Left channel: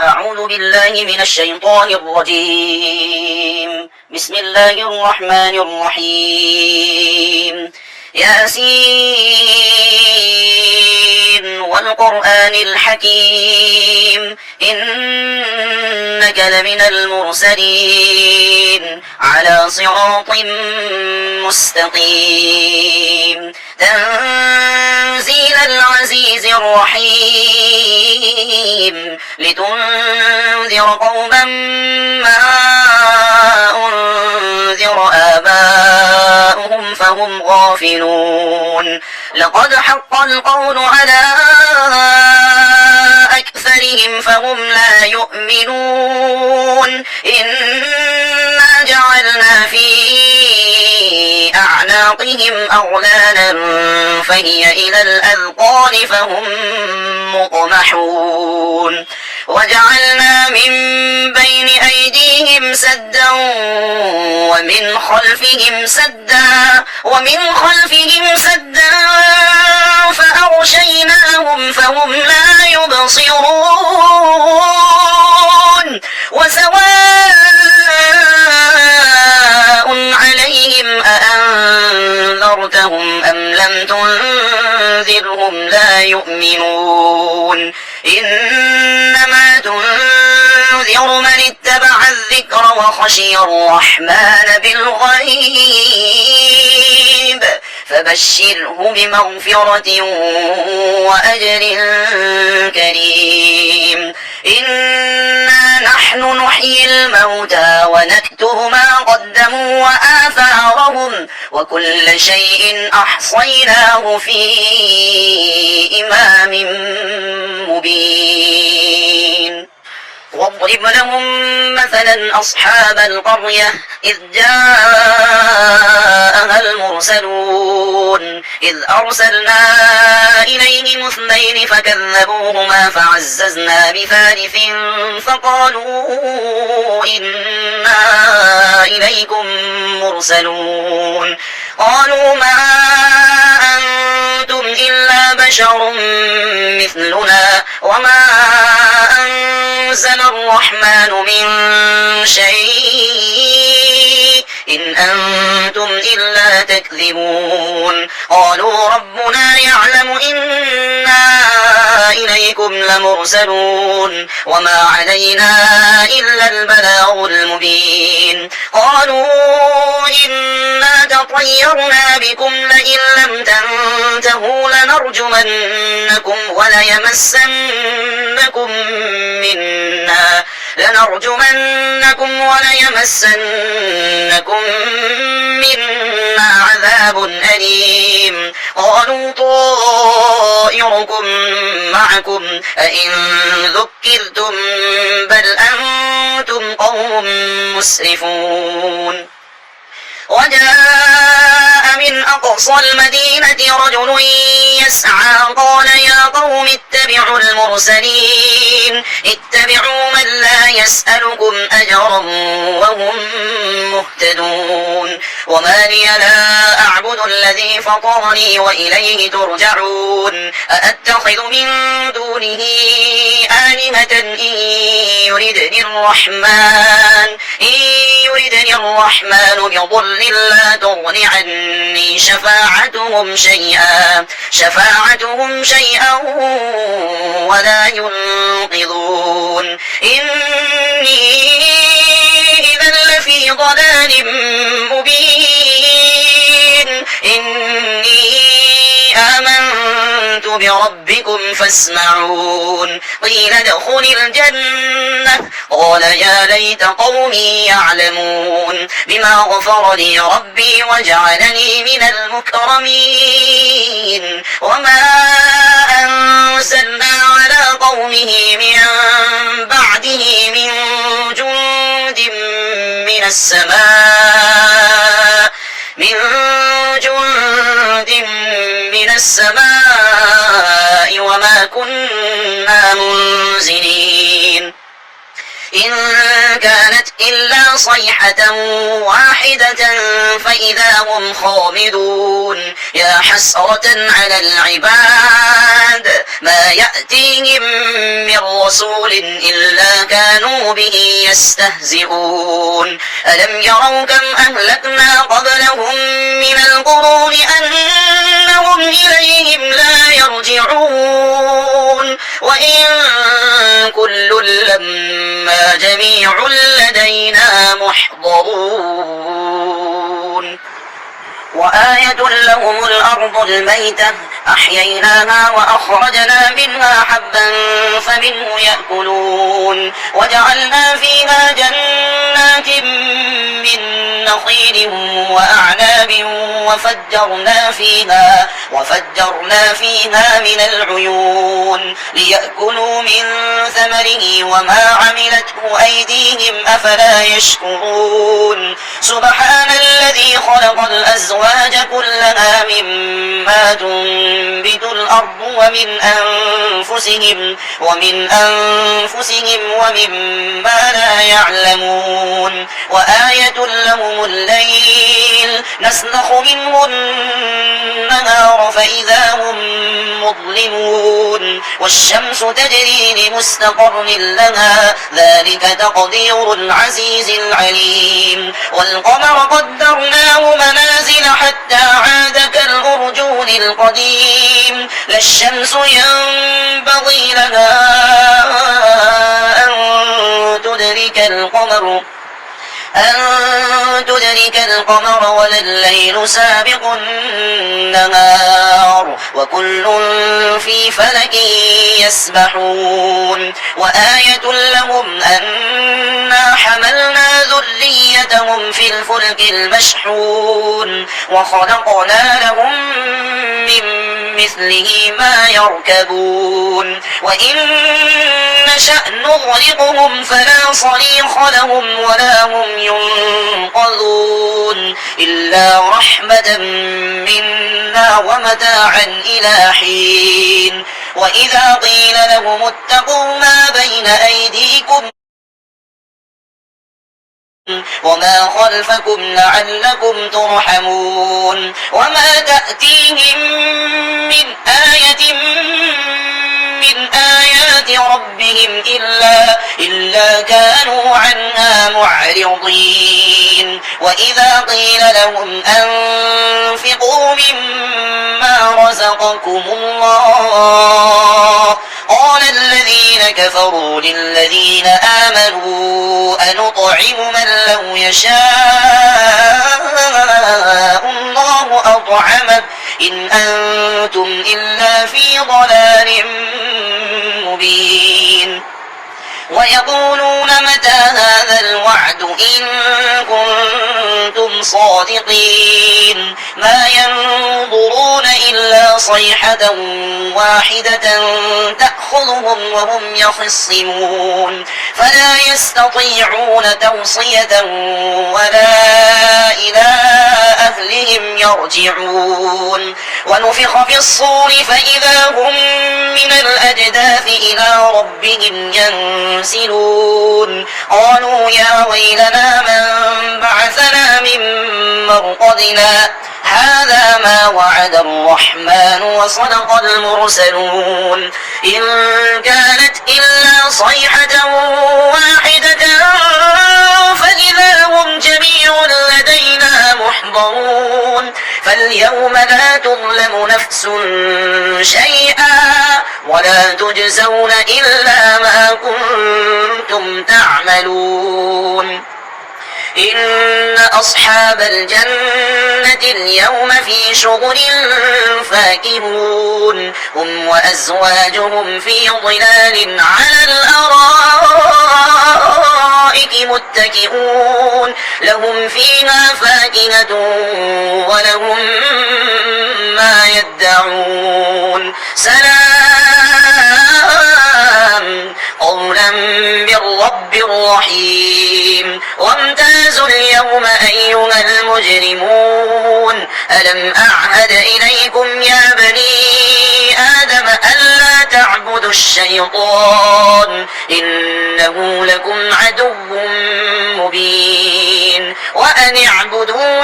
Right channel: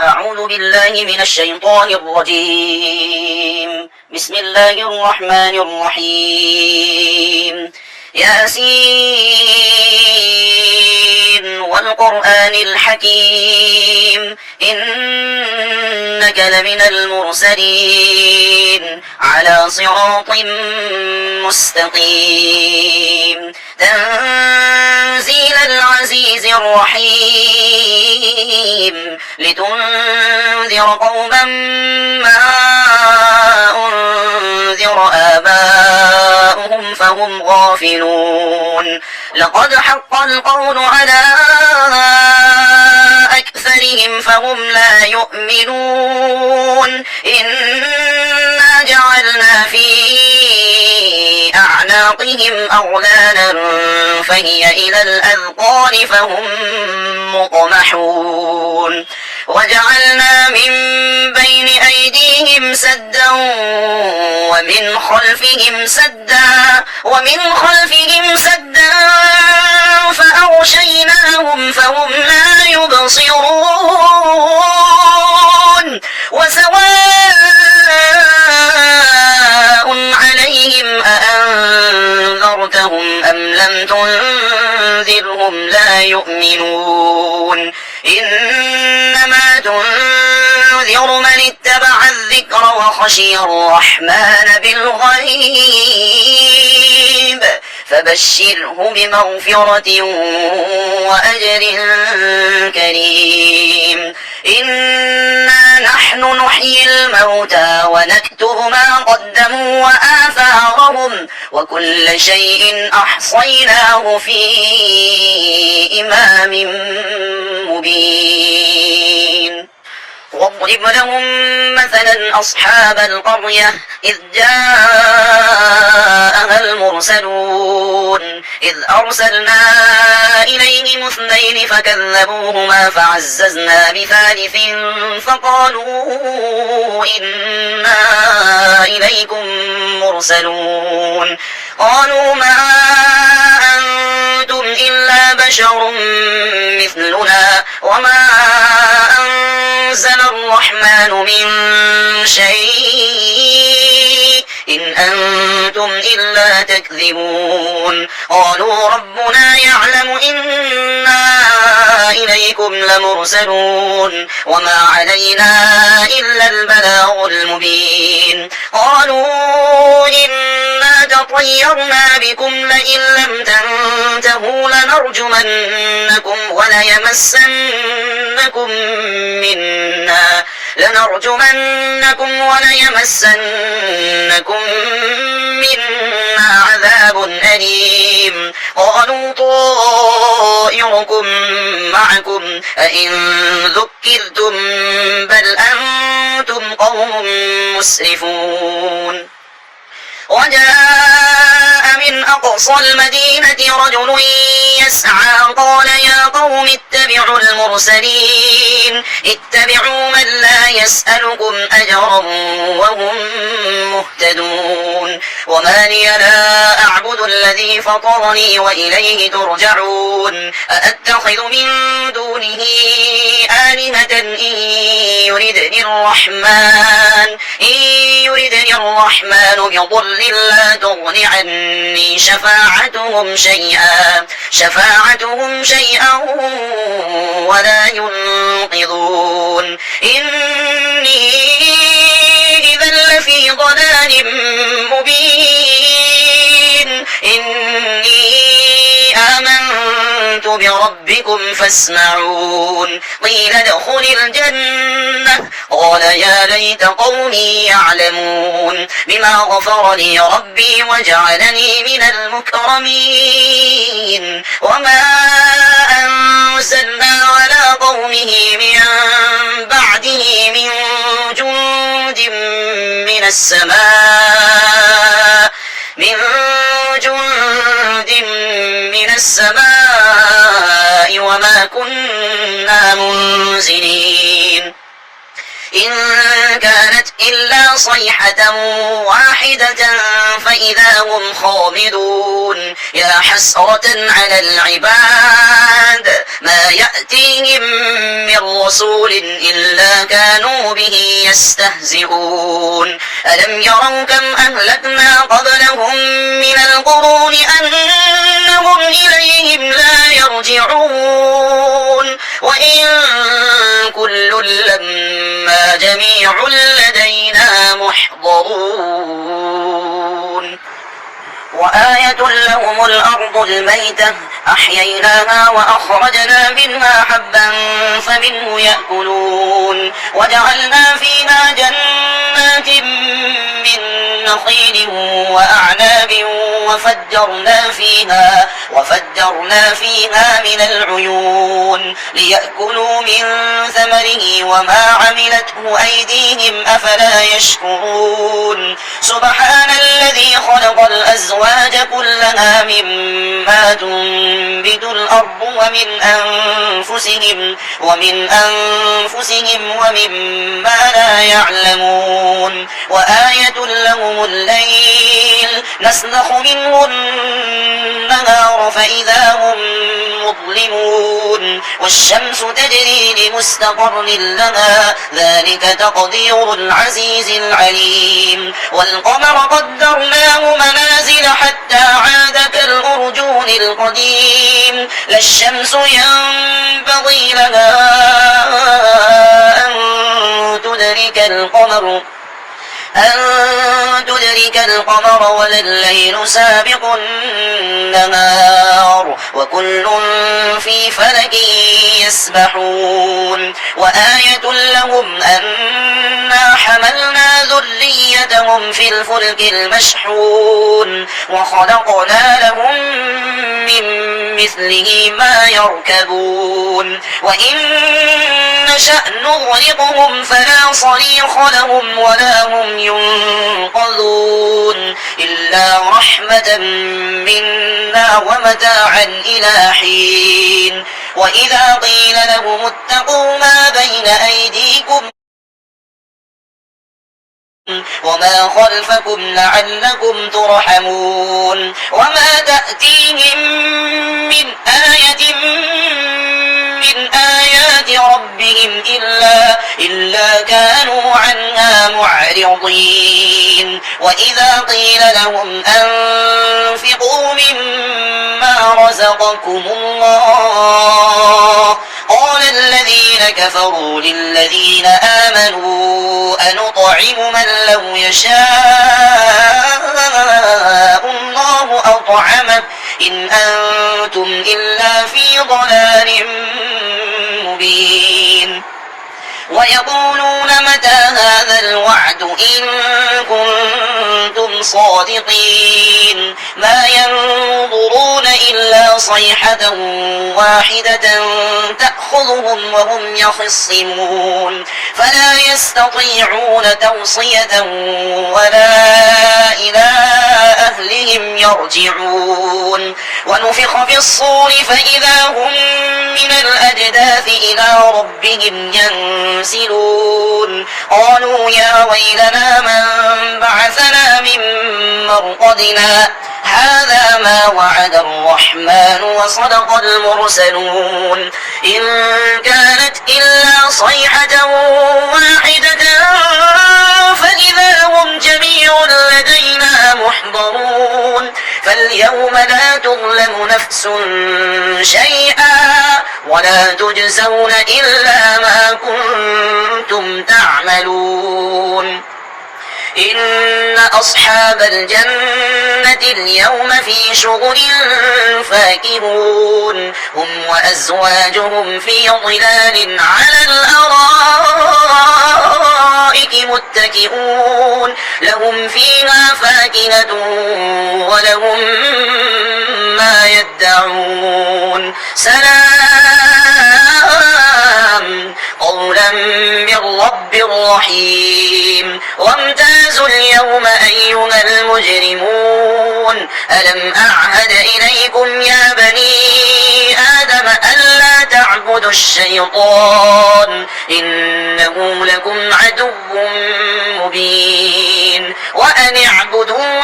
أعوذ بالله من الشيطان الرجيم. بسم الله الرحمن الرحيم. ياسين والقرآن الحكيم إنك لمن المرسلين على صراط مستقيم تنزيل العزيز الرحيم لتنذر قوما ما أنذر آباؤهم فهم غافلون لقد حق القول على أكثرهم فهم لا يؤمنون إنا جعلنا في أعناقهم أغلالا فهي إلى الأذقان فهم مقمحون وجعلنا من بين أيديهم سدا ومن خلفهم سدا فأغشيناهم فهم لا يبصرون وسواء عليهم أأنذرتهم أم لم تنذرهم لا يؤمنون إنما تنذر من اتبع الذكر وخشي الرحمن بالغيب فبشره بمغفرة وأجر كريم إنا نحن نحيي الموتى ونكتب ما قدموا وآثارهم وكل شيء أحصيناه في إمام مبين واضرب لهم مثلا أصحاب القرية إذ جاءها المرسلون إذ أرسلنا إليهم اثنين فكذبوهما فعززنا بثالث فقالوا إنا إليكم مرسلون قالوا ما أنتم إلا بشر مثلنا وما أنزل الرحمن من شيء إن أنتم إلا تكذبون قالوا ربنا يعلم إنا إليكم لمرسلون وما علينا إلا البلاغ المبين قالوا إنا تطيرنا بكم لئن لم تنتهوا لنرجمنكم وليمسنكم منا عذاب أليم قالوا طائركم معكم أئن ذكرتم بل أنتم قوم مسرفون وجاء من أقصى المدينة رجل يسعى قال يا قوم اتبعوا المرسلين اتبعوا من لا يسألكم أجرا وهم مهتدون وما لي لا أعبد الذي فطرني وإليه ترجعون أأتخذ من دونه آلهة إن يردني الرحمن بضر لا تغن عني شفاعتهم شيئا ولا ينقذون إني إذا لفي ضلال مبين إني آمنت بربكم فاسمعون قيل ادخل الجنة قال يا ليت قومي يعلمون بما غفر لي ربي وجعلني من المكرمين وما أنزلنا على قومه من بعده من جند من السماء وما كنا منزلين إن كانت إلا صيحة واحدة فإذا هم خامدون يا حسرة على العباد ما يأتيهم من رسول إلا كانوا به يستهزئون ألم يروا كم أهلكنا قبلهم من القرون أنهم إليهم لا يرجعون وإن كل لما جميع لدينا محضرون وآية لهم الأرض الميتة أحييناها وأخرجنا منها حبا فمنه يأكلون وجعلنا فيها جنات من نخيل وأعناب وفجرنا فيها من العيون ليأكلوا من ثمره وما عملته أيديهم أفلا يشكرون سبحان الذي خلق الأزواج كلها مما تنبت الأرض ومن أنفسهم ومما لا يعلمون وآية لهم الليل نسلخ منه النهار فإذا هم مظلمون والشمس تجري لمستقر لها ذلك تقدير العزيز العليم والقمر قدرناه منازل حتى عاد كالأرجون القديم لا الشمس ينبغي لها أن تدرك القمر ولا الليل سابق النهار وكل في فلك يسبحون وآية لهم أنا حملنا ذريتهم في الفلك المشحون وخلقنا لهم من مثله ما يركبون وإن نشأ نغرقهم فلا صريخ لهم ولا هم ينقذون إلا رحمة منا ومتاعا إلى حين وإذا قيل لهم اتقوا ما بين أيديكم وما خلفكم لعلكم ترحمون وما تأتيهم من آية من آيات ربهم إلا كانوا عنها معرضين وإذا قيل لهم أنفقوا مما رزقكم الله قال الذين كفروا للذين آمنوا أنطعم من لو يشاء الله أطعمه إن أنتم إلا في ضلال مبين ويقولون متى هذا الوعد إن كنتم صادقين ما ينظرون إلا صيحة واحدة تأخذهم وهم يخصمون فلا يستطيعون توصية ولا إلى أهلهم يرجعون ونفخ في الصور فإذا هم من الأجداث إلى ربهم ينسلون قالوا يا ويلنا من بعثنا من مرقدنا هذا ما وعد الرحمن وصدق المرسلون إن كانت إلا صيحة واحدة فإذا هم جميع لدينا محضرون فاليوم لا تظلم نفس شيئا ولا تجزون إلا ما كنتم تعملون إن أصحاب الجنة اليوم في شغل فاكهون هم وأزواجهم في ظلال على الأرائك متكئون لهم فيها فاكهة ولهم ما يدعون سلام قولا من رب رحيم وامتازوا اليوم أيها المجرمون ألم أعهد إليكم يا بني آدم ألا تعبدوا الشيطان إنه لكم عدو مبين وأن اعبدون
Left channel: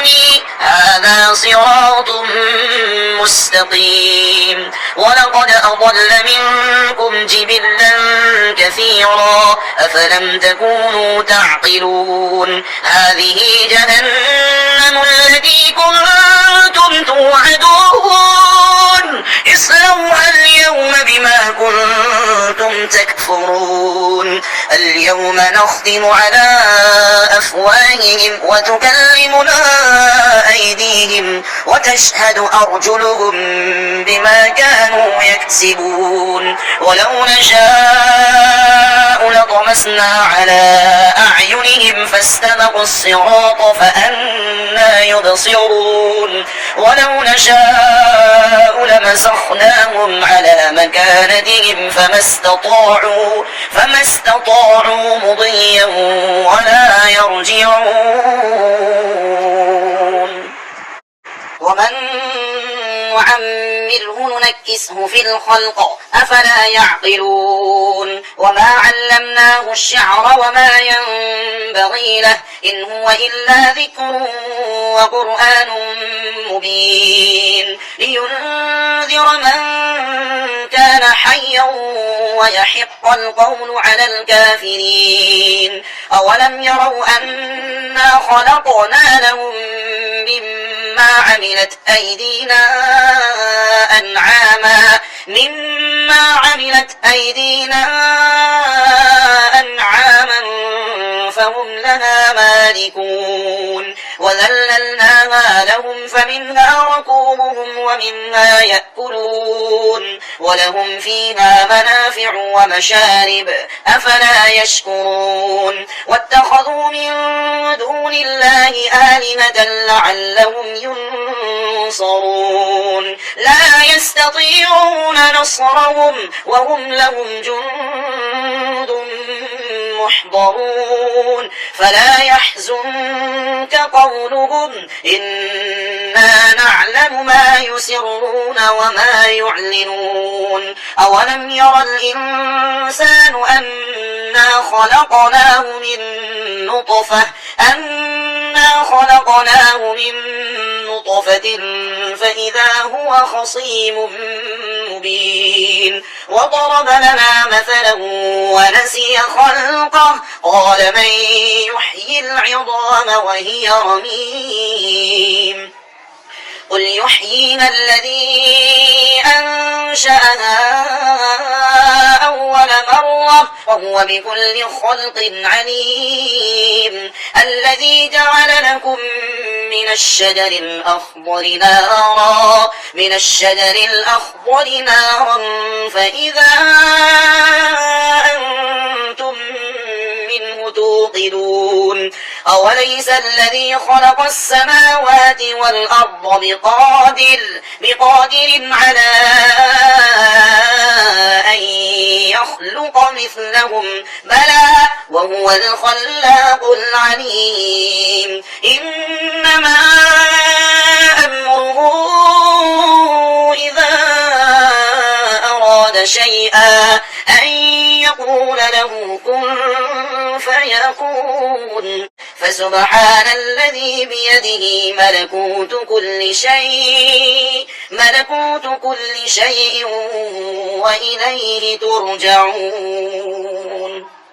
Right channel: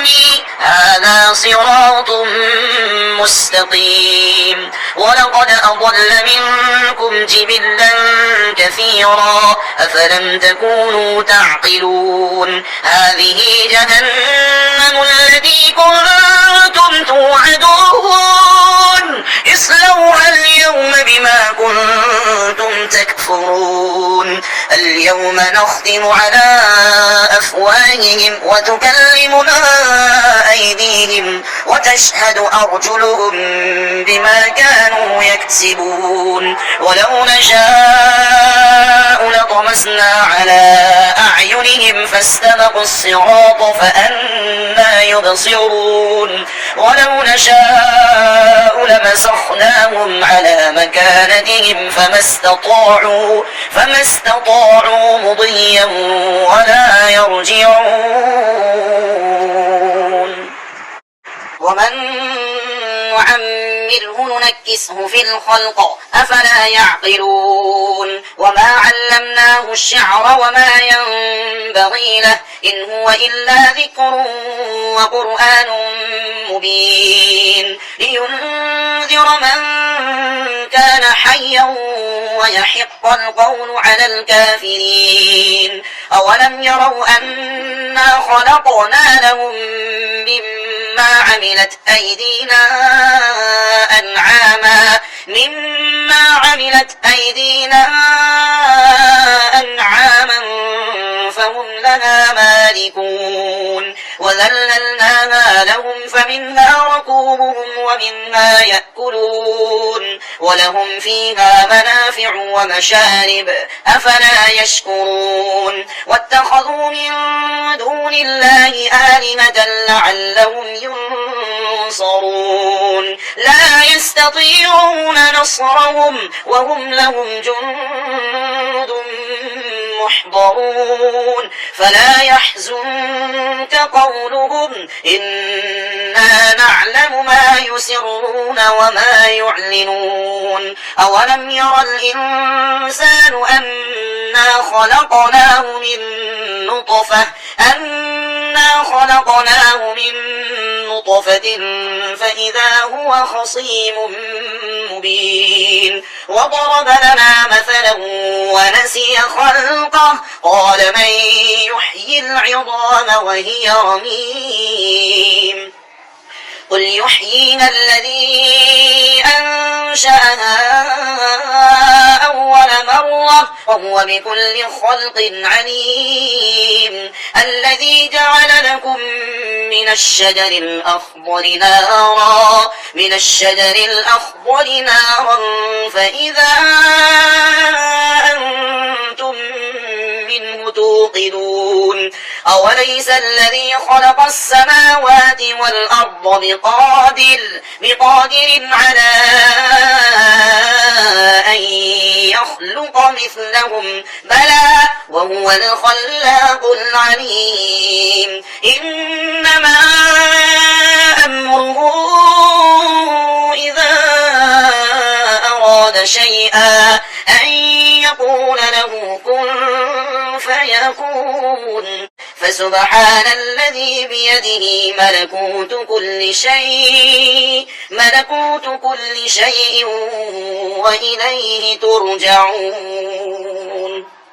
هذا صراط مستقيم ولقد أضل منكم جبلا كثيرا أفلم تكونوا تعقلون هذه جهنم التي كنتم توعدون اصلوها اليوم بما كنتم تكفرون اليوم نختم على أفواههم وتكلمنا أيديهم وتشهد أرجلهم بما كانوا يكسبون ولو نشاء لطمسنا على أعينهم فاستبقوا الصراط فأنى يبصرون ولو نشاء لمسخناهم على مكانتهم فما استطاعوا مضيا ولا يرجعون ومن نعمره ننكسه في الخلق أفلا يعقلون وما علمناه الشعر وما ينبغي له إن هو إلا ذكر وقرآن مبين لينذر من كان حيا ويحق القول على الكافرين أولم يروا أنا خلقنا لهم مما عملت أيدينا أنعاما فهم لها مالكون وذللناها لهم فمنها ركوبهم ومنها يأكلون ولهم فيها منافع ومشارب أفلا يشكرون واتخذوا من دون الله آلهة لعلهم ينصرون لا يستطيعون نصرهم وهم لهم جند محضرون فلا يحزنك قولهم إنا نعلم ما يسرون وما يعلنون أولم ير الإنسان أنا خلقناه من نطفة فإذا هو خصيم مبين وضرب لنا مثلا ونسي خلقه قال من يحيي العظام وهي رميم قل يحييها الذي أنشأها أول مرة وهو بكل خلق عليم الذي جعل لكم من الشجر الأخضر نارا فإذا أنتم منه توقدون أوليس الذي خلق السماوات والأرض بقادر على أن يخلق مثلهم بلى وهو الخلاق العليم إنما أمره إذا أراد شيئا أن يقول له كن فيكون فسبحان الذي بيده ملكوت كل شيء وإليه ترجعون